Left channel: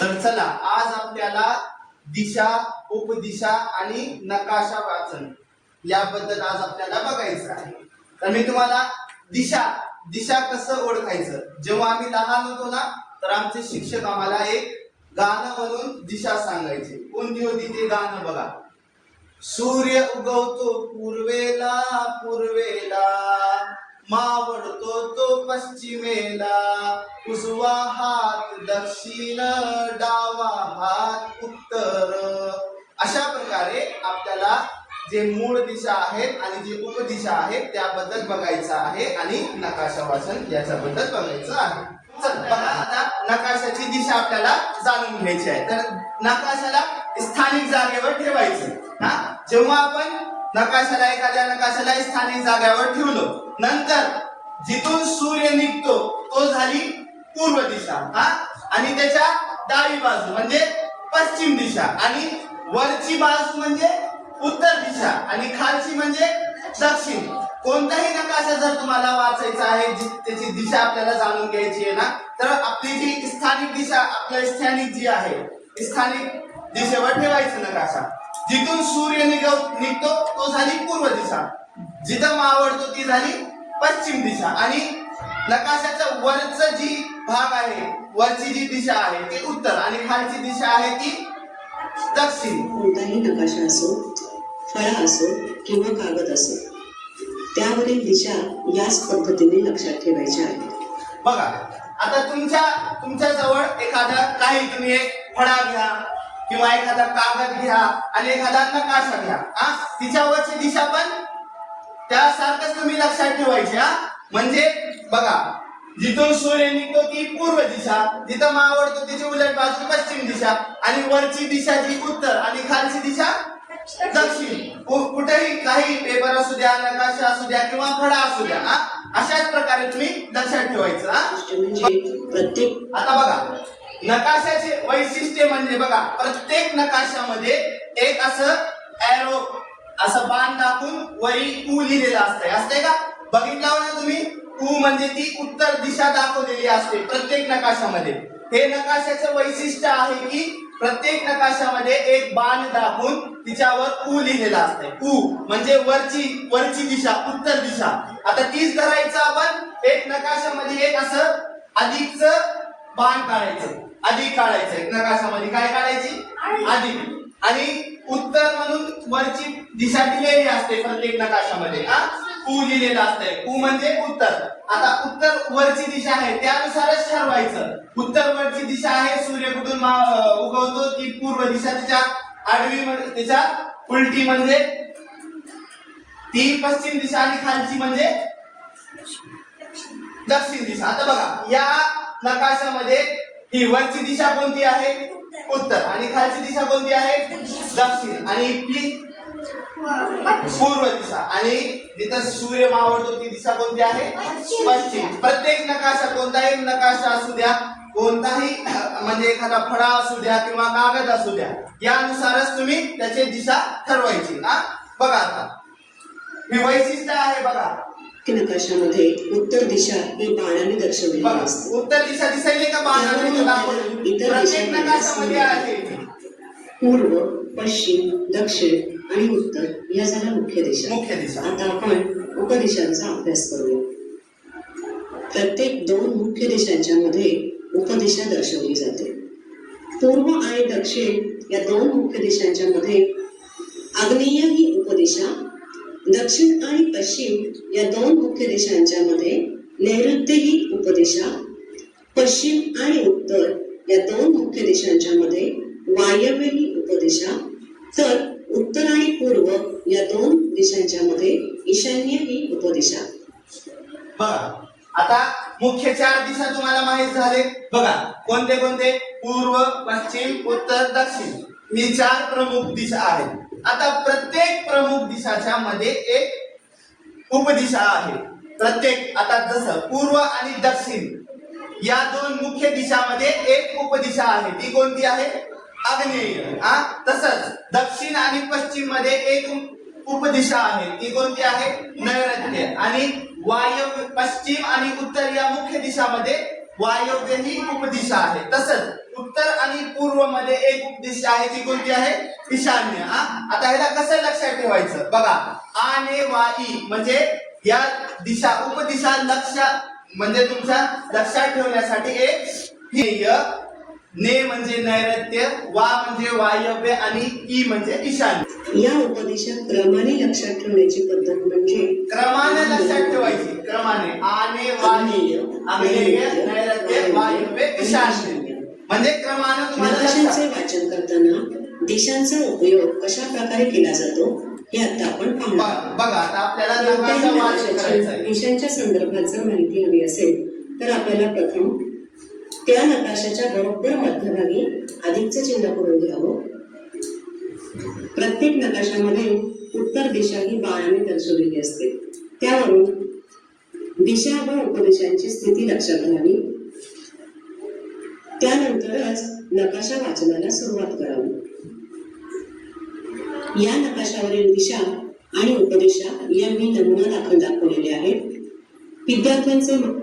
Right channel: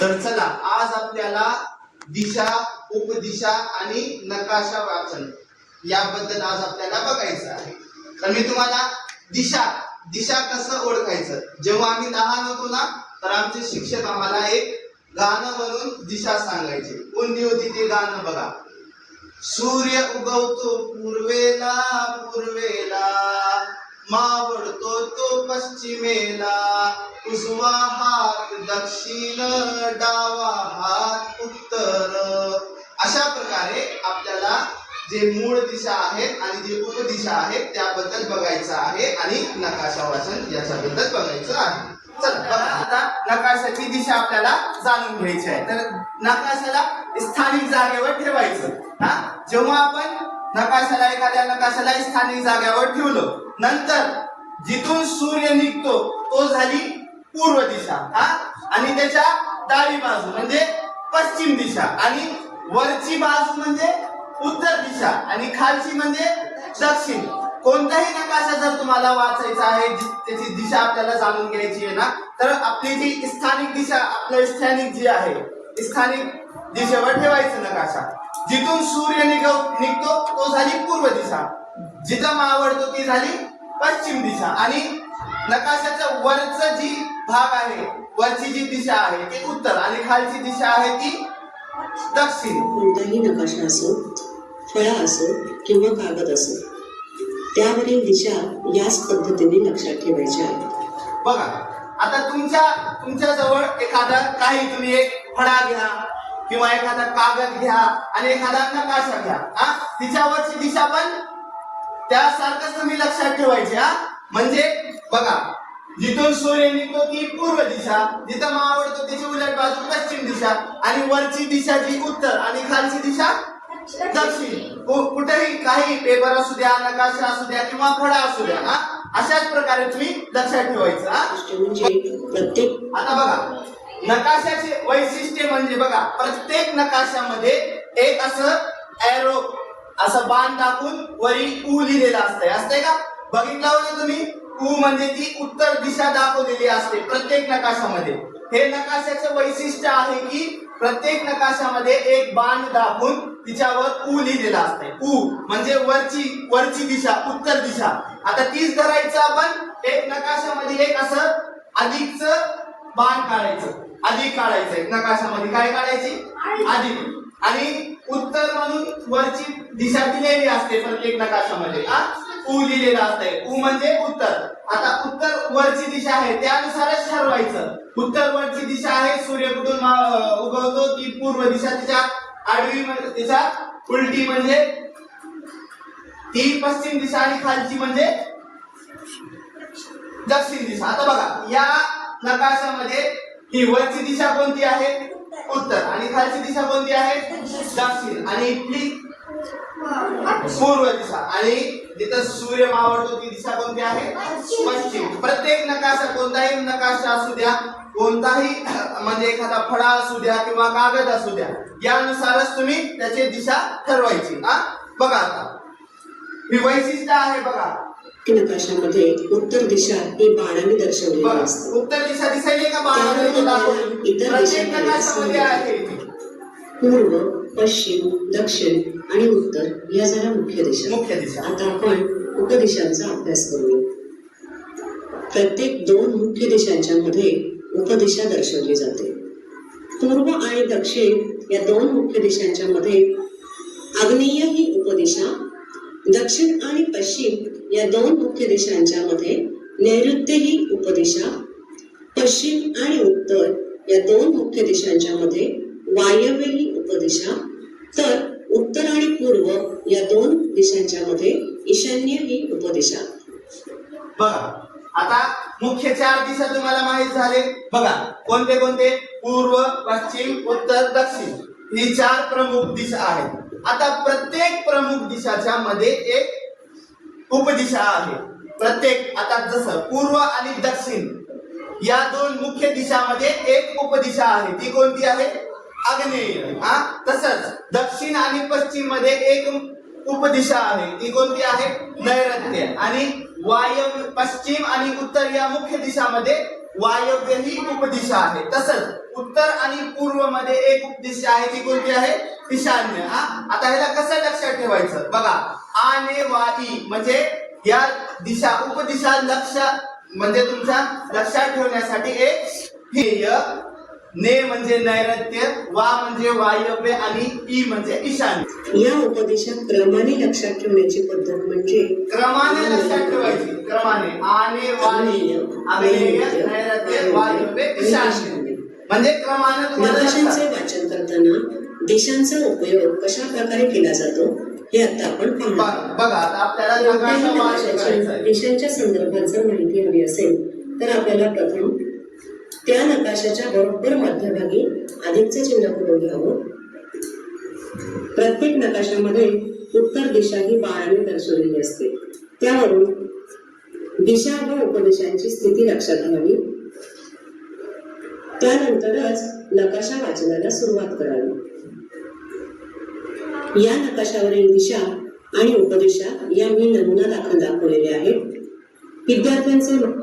तर चला आज आपल्याला दिशा उपदिशा आणि नकाशा वाचन याबद्दल आज आपल्याला बघायचं आहे. तर मी तुम्हाला दिशा दिशा कसं ओळखायचं? जेव्हा आम्ही लहान होतो ना तर आमचे शिक्षक आम्हाला एक गाणं म्हणून दिशा सांगायचे. कोणती होती ते गाणं बघा. सूर्य उगवतो पूर्वेला पूर्वेला. पश्चिमेला उजवा हात दक्षिण डावा हात उत्तर. अशा प्रकारे आपल्याला जे मूळ दिशा आहेत आणि जे उपदिशा आहेत त्याबद्दल बघायचं आहे आणि नकाशा वाचन याच्याबद्दल बघायचं आहे. आता नकाशाची दिशा आपल्याला जाणून घ्यायची आहे. तर नकाशाला स्थानिक जागेवर ठेवायचं. हा? जेव्हा आपण नकाशाला एखाद्या नकाशाला स्थानिक जागेवर ठेवलो नंतर जिथून सूर्य निघतो तो झाली पूर्व दिशा हा? आणि त्याच्या डावी बाजू म्हणजे पश्चिम दिशा आणि वरची बाजू म्हणजे उत्तर दिशा आणि खालची म्हणजे दक्षिण. कोणताही नकाशा जर तुम्हाला वाचायचा आहे त्याची दिशा आपल्याला जाणून घ्यायची आहे ना तर आपली जी स्थानिक दिशा आपलं स्थानिक जी आहे स्थानिक दिशेवर ठेवायचं नकाशा. जिथून सूर्य निघ निघतो तो झाली पूर्व दिशा. जिथं मावळतो ती झाली पश्चिम दिशा आणि नकाशाच्या वरचं जी भाग आहे वरची जी दिशा आहे ती उत्तर आणि खालची दिशा आहे ती दक्षिण. कोणताही नकाशा असो फळा असो किंवा कागद असो त्यावरील दिशा याच पद्धतीने लक्षात ठेवायच्या आहेत. बघा आता तुमच्या तुमच्या जवळ एखादा काही तुम्ही एक फळा घ्या किंवा एखादा कागद घ्या आणि एखादा नकाशा घ्या. हा तिच्यावरची दिशा पण त्यासारखंच तुम्ही लक्षात ठेवायची हा? म्हणजे बघा जिथून सूर्य निघतो ती पूर्व दिशा जिथं मावळतो त्याची उलट बाजू पश्चिम दिशा आणि वरची दिशा जी उत्तर आणि खालची दिशा दक्षिण. कुठेही काही पेपर असू द्या नकाशा असू द्या किंवा फळा असू द्या हा? अशाच प्रकारे तुम्ही लक्षात ठेवायचं हा? म्हणजे प्रत्येक आता बघा नकाशाचे वैशिष्ट्य म्हणजे बघा प्रत्येक नकाशामध्ये एक असं एरो असं बाण दाखवून वरी उ लिहिलेलं असतंय. असतंय का? बघितलं ना तुम्ही? उ म्हणजे ती उत्तर दिशा दाखवलेली असते प्रत्येक नकाशामध्ये. हे नकाशाचे वैशिष्ट्य आहे की प्रत्येक नकाशामध्ये एक बाण दाखवून तिच्यावर उ लिहिलेला असतंय. उ म्हणजे वरची वरची दिशा उत्तर दिशा. आता तीच धरायचं आपण एक नकाशामध्ये एक असं अधिकच बाण काढायचं. अधिक काढायचं. नकाशामध्ये काय काढायची? अधिक आणि उत्तर म्हणून वरची दिशा दिलेली असते प्रत्येक नकाशामध्ये हा? उ लिहिलेलं असतंय. उ म्हणजे उत्तर. आता उत्तर वरची दिशा आहे त्यानुसारच ठरवायचं. उत्तर वरची दिशा आहे सूर्य कुठून उगवतो ती पूर्व दिशा तिच्या आडवी तिच्या उलटी म्हणजे? ती पश्चिम दिशा आणि खालची म्हणजे? दक्षिण दिशा. आता बघा या नकाशामध्ये ही वरची दिशा कोणती आहे? उत्तर. आणि खालची दिशा कोणती आहे? दक्षिण. आणि इथली? पूर्व दिशा. आणि जिथं सूर्य मावळतो ती दिशा कोणती आहे? पश्चिम. प्रत्येक नकाशा कोणताही नकाशा असू द्या कोणताही म्हणजे एखादा फळा असू द्या किंवा कागद असू द्या यानुसारच तुम्ही त्याची दिशा ठरवायची. हा? बघा आता. ही वैशिष्ट्य आहे बघा. नकाशामध्ये उत्तर दिशा ही बाणाने दर्शवलेली असते. उत्तर दिशा दिसायली का बाणाने? इतर दिशांमध्ये पूर्व पश्चिम दक्षिण आणि उत्तर या झाल्या मुख्य दिशा. मुख्य दिशा. आता आपण उपदिशांचा अभ्यास करूया. प्रत्येक दोन मुख्य दिशांच्या मध्ये उपदिशा दर्शवली जाते. पूर्व आणि दक्षिण या दोन मुख्य दिशांच्या मध्ये आग्नेय ही उपदिशा दक्षिण आणि पश्चिम या दोन मुख्य देशांच्या मध्ये नैऋत्य ही उपदिशा पश्चिम आणि उत्तर या दोन मुख्य देशांच्या मध्ये वायव्य ही उपदिशा तर उत्तर आणि पूर्व या दोन देशांच्या मध्ये ईशान्य ही उपदिशा. बघा आता मुख्य चार दिशा तुम्हाला माहीत झाले. बघा कोणते कोणते? पूर्व पश्चिम उत्तर दक्षिण. ही चार प्रमुख दिशा आहेत. आता प्रत्येक प्रमुख दिशाच्या मध्ये एक उपदिशा आहे. प्रत्येक आता जसं पूर्व आणि दक्षिण या दोन मुख्य दिशामध्ये एक उपदिशा आहे. ती कोणती आहे? आग्नेय हा? तसंच दक्षिण आणि पश्चिममध्ये एक उपदिशा आहे. ती कोणती आहे? नैऋत्य. आणि वायव्य पश्चिम आणि उत्तर या मुख्य दिशामध्ये वायव्य ही उपदिशा आहे. तसंच उत्तर आणि पूर्वमध्ये एक उपदिशा आहे ती कोणती आहे? ईशान्य. हा? आता ह्याला कसं लक्षात ठेवायचं? बघा आने वाई म्हणजे या दिशा उपदिशा लक्ष म्हणजे तुमच्या लक्षात ठेवण्यासाठी एक ध्येय ने म्हणजे नैऋत्य वा म्हणजे वायव्य आणि ई म्हणजे ईशान्य. या उपदेशात क्रमाने लक्षात ठेवण्याची पद्धत म्हणजे क्रमाने लक्षात ठेवायची. क्रमाने. आने आग्नेय नैऋत्य वायव्य ईशान्य. म्हणजे क्रमाने तुम्हाला वाचन करताना दिशांचा उपयोग कशा प्रकारे केला जातो हे आता आपण बघा आता आपल्याला दिशांच्या संदर्भात जर माहिती हवी असेल तर आपल्याला प्रथम त्या नकाशाच्या बरोबर मध्यभागी अधिकचं चिन्ह करून घ्यावं? प्रत्येक नकाशामध्ये उत्तर दिशा ही बाराने दर्शवलेली असते. त्यावरून दिशा व उपदेशांची स्थिती लक्षात घ्यावी. त्यानंतरच नकाशा वाचनाला सुरुवात करावी. या नकाशावरील दिशा आणि उपदेशा या मी नमुना दाखल दाखवलेले आहेत. विद्यार्थ्यांचे म-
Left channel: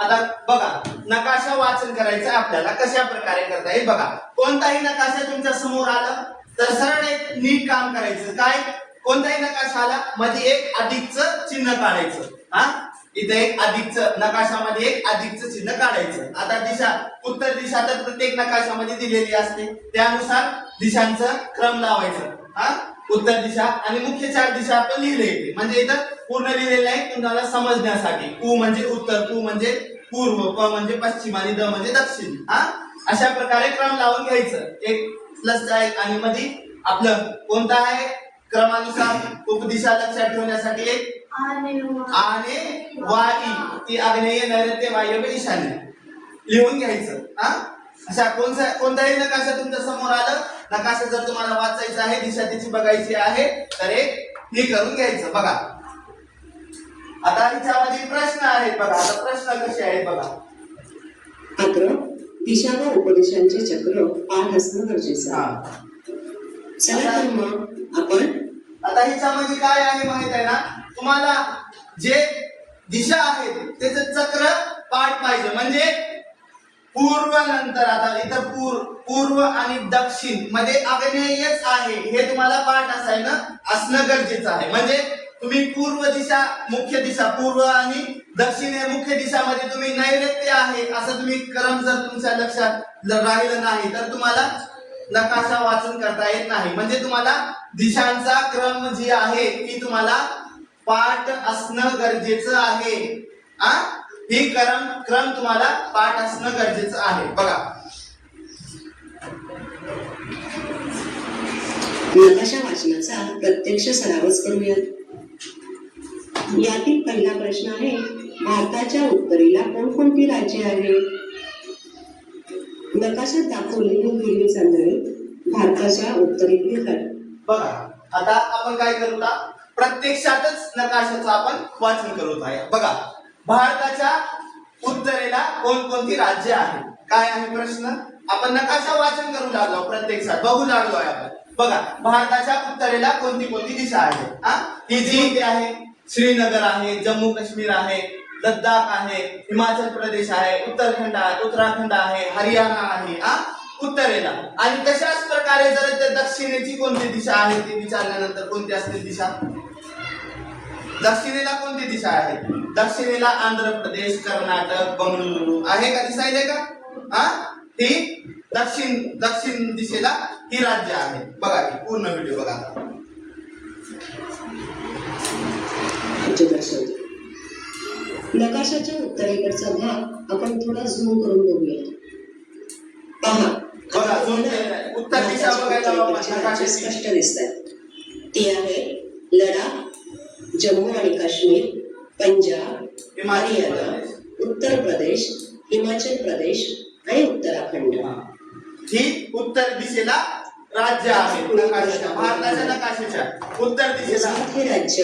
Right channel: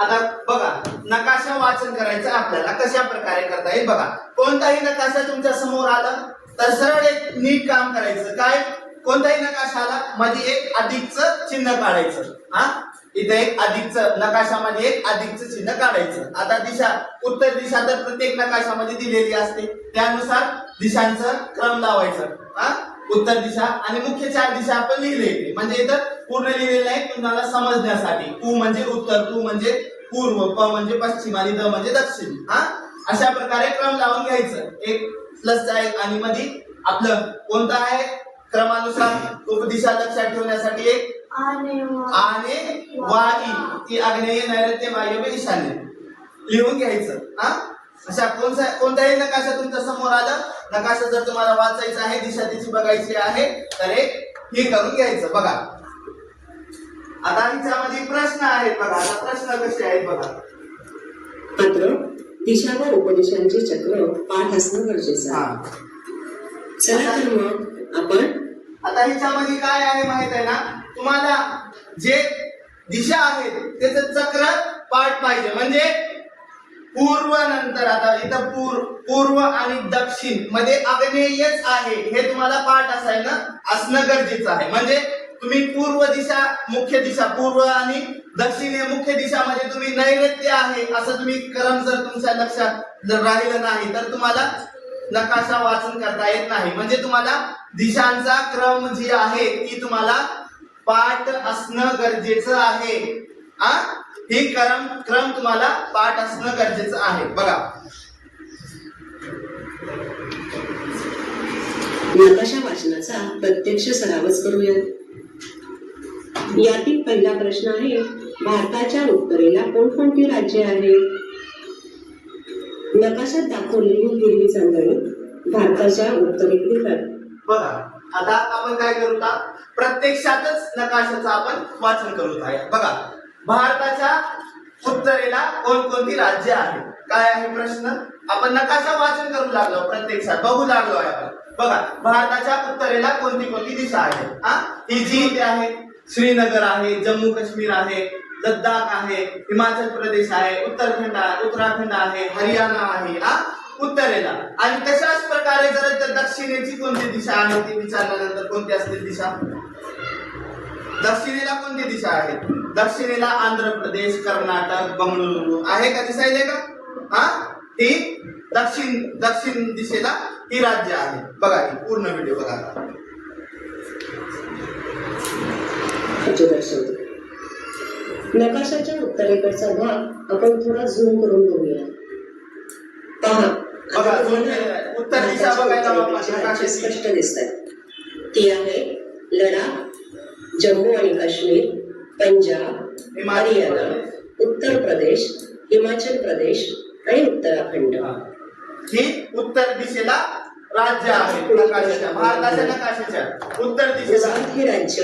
आता बघा नकाशा वाचन करायचं आपल्याला कशा प्रकारे करता येईल? बघा कोणताही नकाशा तुमच्यासमोर आला तर सरळ एक नीट काम करायचं. काय? कोणताही नकाशा आला मध्ये एक अधिकचं चिन्ह काढायचं. हा? इथे एक अधिकचं नकाशामध्ये एक अधिकच चिन्ह काढायचं. आता दिशा उत्तर दिशा तर प्रत्येक नकाशामध्ये दिलेली असते. त्यानुसार दिशांचं क्रम लावायचं. हा? उत्तर दिशा आणि मुख्य चार दिशा आपण लिहिले. इथे म्हणजे इथं पूर्ण लिहिलेलं आहे तुम्हाला समजण्यासाठी. उ म्हणजे उत्तर पू म्हणजे पूर्व प म्हणजे पश्चिम आणि द म्हणजे दक्षिण. हा? अशा प्रकारे क्रम लावून घ्यायचं. एक प्लस आहे आणि मध्ये आपलं कोणतं आहे? क्रमानुसार उपदिशा लक्षात ठेवण्यासाठी एक आणि वाई ती आग्नेय नैऋत्य वायव्य ईशान्य लिहून घ्यायचं. हा? अशा कोणत्या कोणताही नकाशा तुमच्यासमोर आलं नकाशा जर तुम्हाला वाचायचा आहे दिशा त्याची बघायची आहे तर एक हे करून घ्यायचं. बघा. आता हिच्यामध्ये प्रश्न आहेत बघा आता प्रश्न कसे आहेत बघा. मात्र दिशा व उपदेशांचे चक्र पाठ असणं गरजेचं आहे. चला तर मग आपण आता हिच्यामध्ये काय आहे माहीत आहे ना? तुम्हाला जे दिशा आहेत त्याचं चक्र पाठ पाहिजे. म्हणजे पूर्व नंतर आता इथं पूर पूर्व आणि दक्षिणमध्ये अग्नेयच आहे हे तुम्हाला पाठ असायला असणं गरजेचं आहे. म्हणजे तुम्ही पूर्व दिशा मुख्य दिशा पूर्व आणि दक्षिण हे मुख्य दिशामध्ये तुम्ही नैऋत्य आहे असं तुम्ही क्रम जर तुमच्या लक्षात जर राहिलं नाही तर तुम्हाला नकाशा वाचन करता येत नाही. म्हणजे तुम्हाला दिशांचा क्रम जी आहे ती तुम्हाला पाठ असणं गरजेचं आहे. आ? ही क्रम क्रम तुम्हाला पाठ असणं गरजेचं आहे. बघा. नकाशा वाचनाचा प्रत्यक्ष सरावच करूयात. यातील पहिला प्रश्न आहे भारताच्या उत्तरेला कोणकोणती राज्ये आहेत नकाशात दाखवलेली हिरवी चांदणी भारताच्या उत्तरेतील बघा. आता आपण काय करू प्रत्यक्षातच नकाशाचं आपण वाचन करू आहे बघा. भारताच्या उत्तरेला कोणकोणती राज्य आहेत? काय आहे प्रश्न? आपण नकाशा वाचन करू लागलो प्रत्यक्षात बघू लागलो आहे आपण. बघा भारताच्या उत्तरेला कोणती कोणती दिशा आहे? हा? ही जी इथे आहे श्रीनगर आहे जम्मू काश्मीर आहे लद्दाख आहे हिमाचल प्रदेश आहे उत्तराखंड आहे उत्तराखंड आहे हरियाणा आहे हा? उत्तरेला. आणि तशाच प्रकारे जर दक्षिणेची कोणती दिशा आहे ती विचारल्यानंतर कोणती असते दिशा? दक्षिणेला कोणती दिशा आहे? दक्षिणेला आंध्र प्रदेश कर्नाटक बंगळुरू. आहे का दिसायले का? हा? ही दक्षिण दक्षिण दिशेला ही राज्य आहे. बघा ही पूर्ण व्हिडिओ बघा. नकाशाच्या उत्तरेकडचा भाग आपण थोडा झूम करून बघूया. पहा बघा. उत्तर दिशा बघायला. स्पष्ट दिसत आहेत ती आहे लडाख जम्मू आणि काश्मीर पंजाब हरियाणा. उत्तर प्रदेश हिमाचल प्रदेश आणि उत्तराखंड. हा. उत्तर दिशेला राज्य आहे. भारताच्या नकाशाच्या उत्तर दिशेला. हे राज्य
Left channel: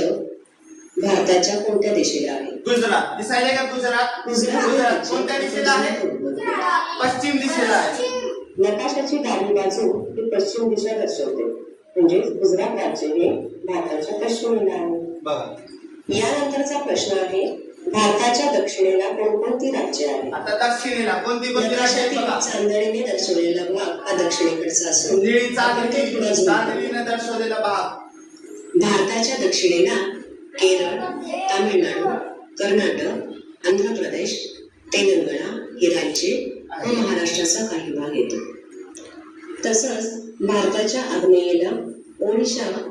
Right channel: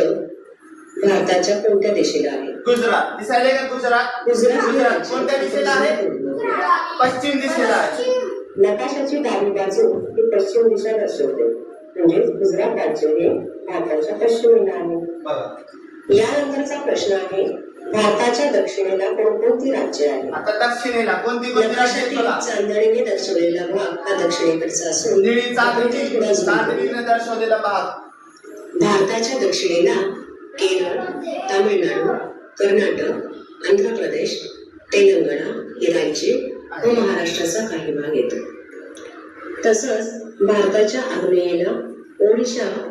भारताच्या कोणत्या दिशेला आहे? गुजरात. दिसायले का गुजरात? गुजरात कोणत्या दिशेला आहे. पश्चिम दिशेला आहे. नकाशाची डावी बाजू ही पश्चिम दिशा दर्शवते. म्हणजे गुजरात राज्य हे भारताच्या पश्चिमेला आहे. बघा. यानंतरचा प्रश्न आहे भारताच्या दक्षिणेला कोणकोणती राज्य आहेत? आता दक्षिणेला कोणती कोणती राज्य चांदणीने दर्शवलेला भाग हा दक्षिणेकडचा असून. चांदणीने दर्शवलेला भाग. भारताच्या दक्षिणेला केरळ तामिळनाडू कर्नाटक आंध्र प्रदेश तेलंगणा ही राज्ये व महाराष्ट्राचा काही भाग येतो. तसंच भारताच्या आग्नेयेला ओडिशा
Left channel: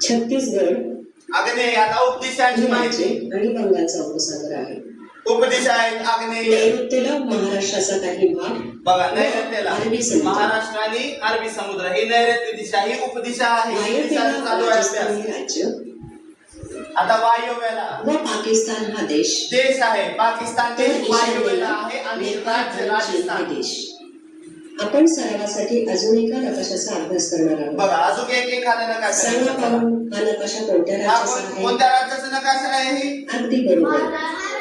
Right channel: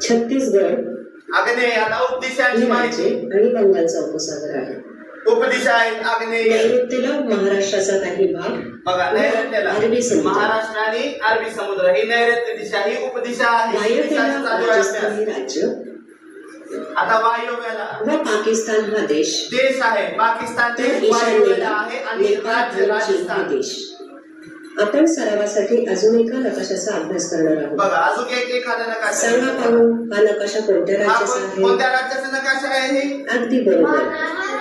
छत्तीसगड आग्नेय आता उपदिशांची ही माहिती. बंगालचा उपसागर आहे. उपदिशा आहेत आग्नेय नैऋत्येला महाराष्ट्राचा काही भाग. बघा नैऋत्येला. अरबी समुद्र. महाराष्ट्र आणि अरबी समुद्र ही नैऋत्य दिशा ही उपदिशा आहे. राज्य. आता वायव्येला. व पाकिस्तान हा देश. देश आहे. पाकिस्तान देश वायव्येला आहे आणि राज्य राजस्थान. देश आपण सरावासाठी अजून एका नकाशाचा अभ्यास करणार आहोत. बघा अजून एक एखादा नकाशा. सांगा पाहू हा नकाशा कोणत्या हा राज्याचा कोण- आहे? कोणत्या राज्याचा नकाशा आहे ही? अगदी बरोबर.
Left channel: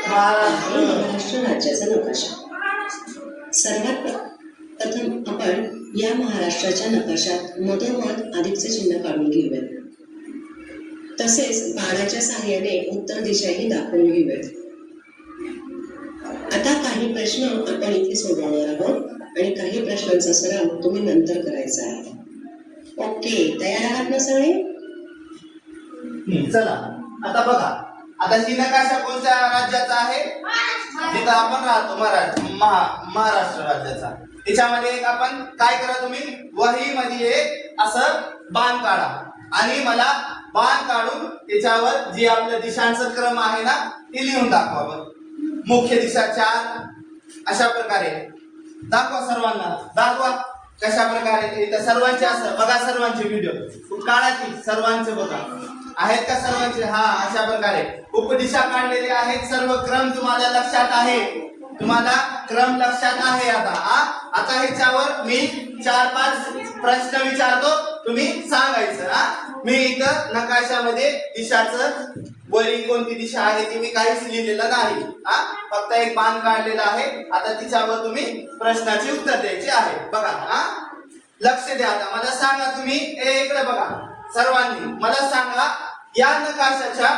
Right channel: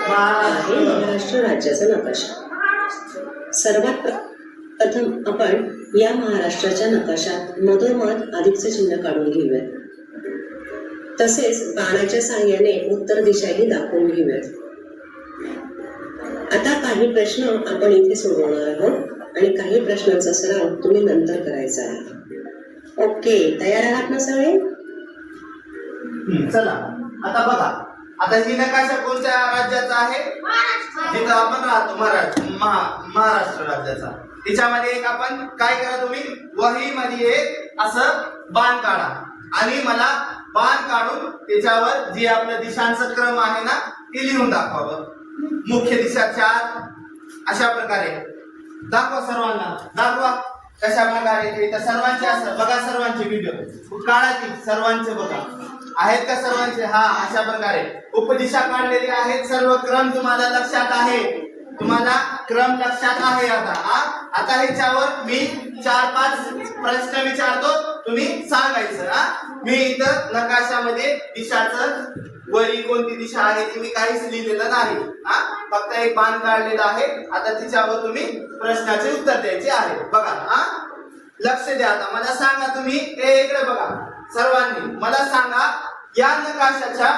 आहे महाराष्ट्र राज्याचा नकाशा. सर्वात प्र- प्रथम आपण या महाराष्ट्राच्या नकाशात मधोमध अधिकचे चिन्ह काढून घेऊयात. तसेच बाणाच्या साहाय्याने उत्तर दिशाही दाखवून घेऊयात. आता काही प्रश्न आपण इथे सोडवणार आहोत. आणि काही प्रश्नांचा सराव तुम्ही नंतर करायचा आहे. ओके तयार आहात ना सगळे? चला. आता बघा. आता ही नकाशा कोणत्या राज्याचा आहे? जिथं आपण राहतो महाराष्ट्र महाराष्ट्र राज्याचा. त्याच्यामध्ये एक आपण काय करा तुम्ही? वही मध्ये एक असं बाण काढा. आणि मला बाण काढून त्याच्यावर जे आपलं दिशांचं क्रम आहे ना ते लिहून दाखवावं. मुख्य दिशा चार. अशा प्रकारे. दाखवा सर्वांना. दाखवा कशा प्रकारे इथं सर्वांचे असं बघा सर्वांचे व्हिडिओ काळातील सर्वांचे बघा. आहेत का सर्वांचे? हा अशा प्रकारे. उपदिशा काढलेले आहेत सर्व. क्रम तुम्हाला लक्षात आहे. तुम्हाला क्रम लक्षात आहे आता. हा? आता ह्याच्यावर मी चार पाच प्रश्न विचारतो. तुम्ही सांगायचं. हा? मी इथं नकाशामध्ये दिशाचं वरी कोणती दिशा आहे ती मी काहीच लिहिलेलं नाही. हा? फक्त एक बाण काढलेला आहे. आता तिच्यावर तुम्ही प्रश्नाचे उत्तर द्यायचे आहे. बघा हा? लक्ष द्या आता. मला सांगा तुम्ही. ए इकडे बघा. सर्वांनी मला सांगा या नकाशाच्या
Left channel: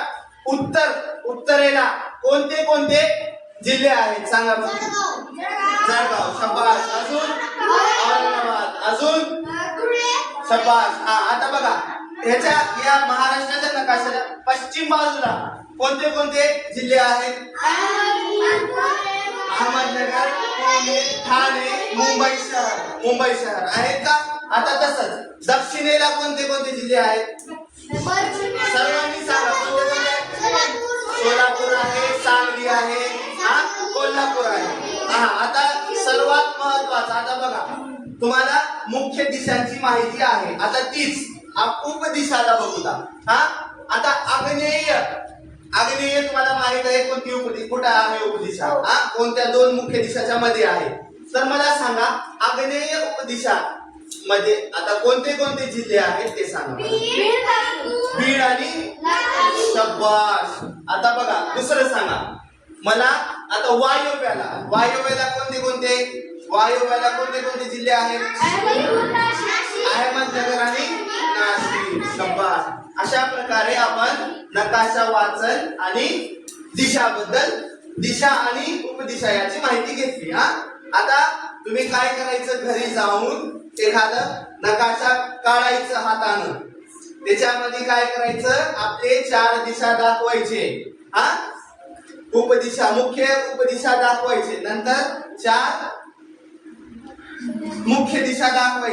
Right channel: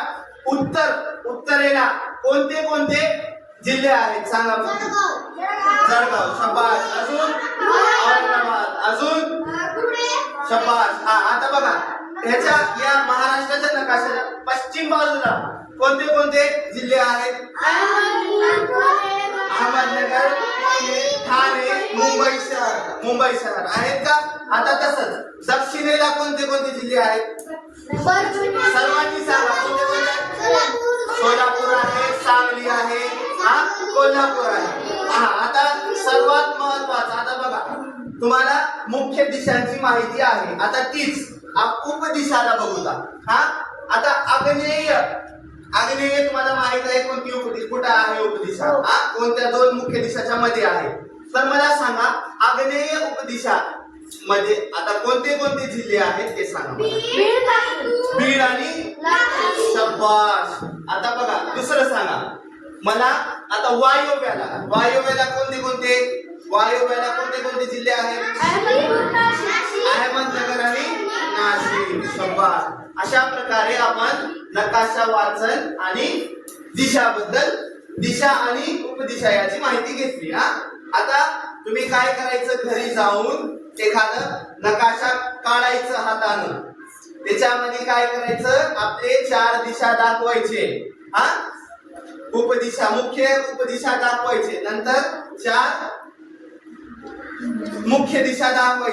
उत्तर उत्तरेला कोणते कोणते जिल्हे आहेत? सांगा. जळगाव. शबाश अजून? औरंगाबाद. अजून? शबाश हा आता बघा. ह्याच्या या महाराष्ट्राच्या नकाशाच्या पश्चिम बाजूला कोणते कोणते जिल्हे आहेत? अहमदनगर पुणे ठाणे मुंबई शहर. मुंबई शहर. आहेत का? आता तसंच. दक्षिणेला कोणते कोणते जिल्हे आहेत? सर्वांनी सांगा. कोणते कोणते? सोलापूर आहे सांगली आहे हा कोल्हापूर आहे. हा आता सर्वात महत्वाचं आता बघा. तुम्हाला मुख्य दिशांची माहिती आहे. आता तीच. आप- उपदिशाला बघूया हा? आता आग्नेय आग्नेय तुम्हाला माहीत आहे कोणती उपदिशा? कुठं आहे उपदिशा? हा. कोणत्या दोन मुख्य दिशाच्या मध्ये आहे? तर मला सांगा आग्नेय उपदिशा मध्ये आता कोणते कोणते जिल्हे आहेत ते सांगा. बीड आणि शब्बाश आता बघा दुसरं सांगा. मला आता वायव्याला वायव्याला कोणते कोणते? वायव्याला कोणते कोणते जिल्हे आहेत? अहमदनगर आणि अशा प्रकारे आपण नकाशा वाचन आणि दिशाबद्दल दिशा आणि उपदिशा याची माहिती घेतली हा? आता तुम्ही काय करायचं घरी जाऊन एखादं नकाशा काढायचं हातानं? त्याच्यामध्ये काय करायचं? आपले चार दिशा दाखवायचे हा? उपदिशा मुख्य उपदिशा दाखवायचे. नंतर चार मुख्य दिशा दाखवायची.